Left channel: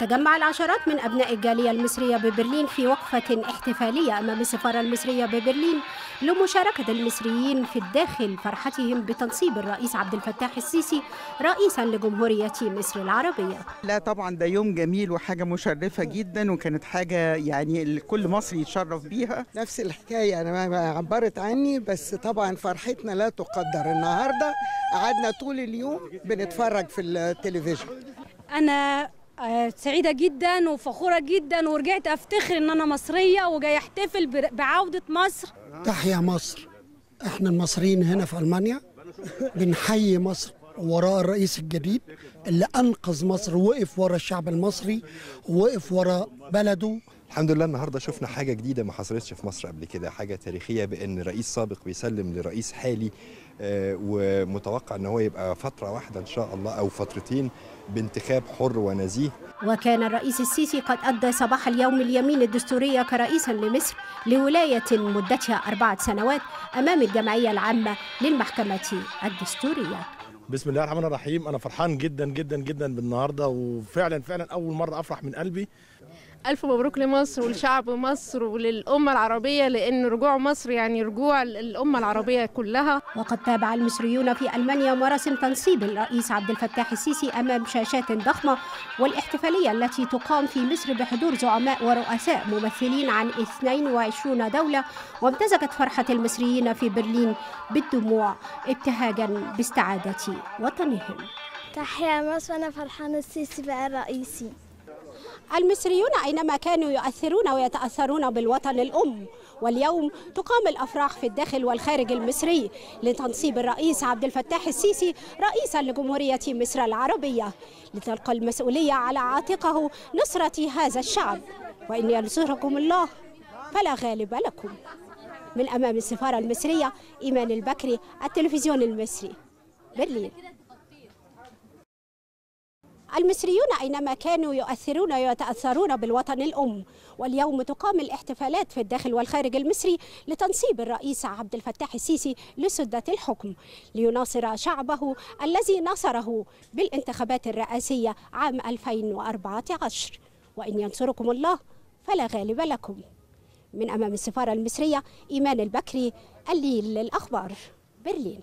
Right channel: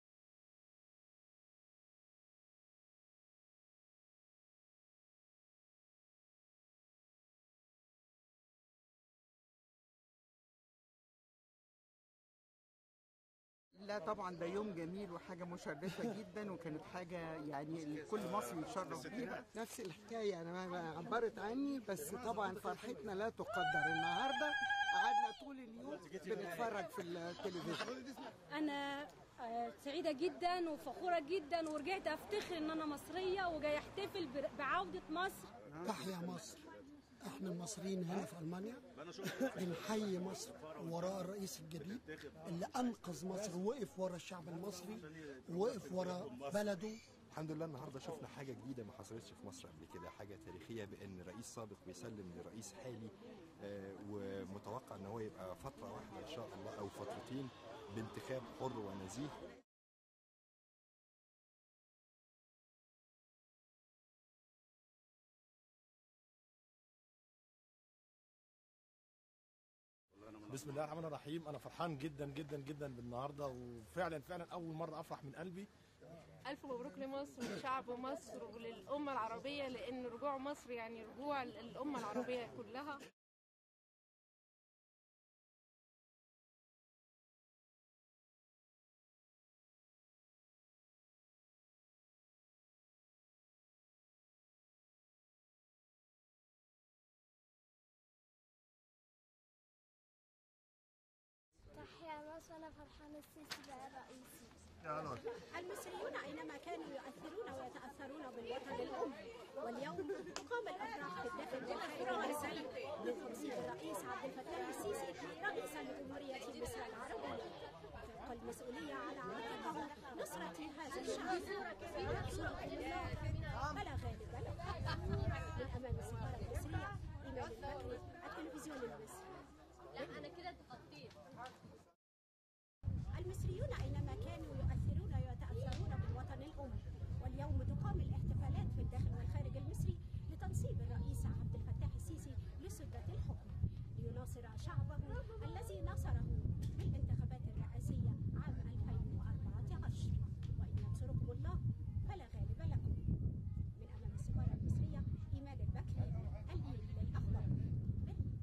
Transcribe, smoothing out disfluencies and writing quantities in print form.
تجمع العشرات من أبناء الجالية المصرية ببرلين في وقفة احتفالية أمام السفارة المصرية ببرلين لمشاركة المصريين في الداخل فرحتهم بتنصيب الرئيس عبد الفتاح السيسي رئيسا لجمهورية مصر العربية. لا طبعا ده يوم جميل وحاجة مشرفة جدا، وكانت حاجة يعني كل مصري يتشرف بيها. نفس الحكاية، أنا ما عبرت عني، بس طبعا فرحتنا لا تقدر. النهاردة قعدنا طول اليوم بنتفرج في التلفزيون. أنا سعيدة جدا وفخورة جدا، ورجعت أفتخر إن أنا مصرية وجاي أحتفل بعودة مصر. تحيا مصر. إحنا المصريين هنا في ألمانيا بنحيي مصر وراء الرئيس الجديد اللي أنقذ مصر، ووقف ورا الشعب المصري ووقف ورا بلده. الحمد لله النهارده شفنا حاجة جديدة ما حصلتش في مصر قبل كده، حاجة تاريخية بأن رئيس سابق بيسلم لرئيس حالي، ومتوقع ان هو يبقى فترة واحدة ان شاء الله او فترتين بانتخاب حر ونزيه. وكان الرئيس السيسي قد أدى صباح اليوم اليمين الدستورية كرئيسا لمصر لولاية مدتها 4 سنوات أمام الجمعية العامة للمحكمة الدستورية. بسم الله الرحمن الرحيم. أنا فرحان جدا جدا جدا بالنهارده، وفعلا أول مرة أفرح من قلبي. ألف مبروك لمصر ولشعب مصر وللأمة العربية، لأن رجوع مصر يعني رجوع الأمة العربية كلها. وقد تابع المصريون في ألمانيا مراسم تنصيب الرئيس عبد الفتاح السيسي أمام شاشات ضخمة، والاحتفالية التي تقام في مصر بحضور زعماء ورؤساء ممثلين عن 22 دولة، وامتزجت فرحة المصريين في برلين بالدموع ابتهاجا باستعادة وطنهم. تحيا مصر، وأنا فرحان السيسي بقى رئيسي. المصريون أينما كانوا يؤثرون ويتأثرون بالوطن الأم، واليوم تقام الأفراح في الداخل والخارج المصري لتنصيب الرئيس عبد الفتاح السيسي رئيسا لجمهورية مصر العربية، لتلقى المسؤولية على عاتقه نصرة هذا الشعب، وإن ينصركم الله فلا غالب لكم. من أمام السفارة المصرية، إيمان البكري، التلفزيون المصري، برلين. المصريون أينما كانوا يؤثرون ويتأثرون بالوطن الأم، واليوم تقام الاحتفالات في الداخل والخارج المصري لتنصيب الرئيس عبد الفتاح السيسي لسدة الحكم، ليناصر شعبه الذي نصره بالانتخابات الرئاسية عام 2014، وإن ينصركم الله فلا غالب لكم. من أمام السفارة المصرية، إيمان البكري، الليل للأخبار، برلين.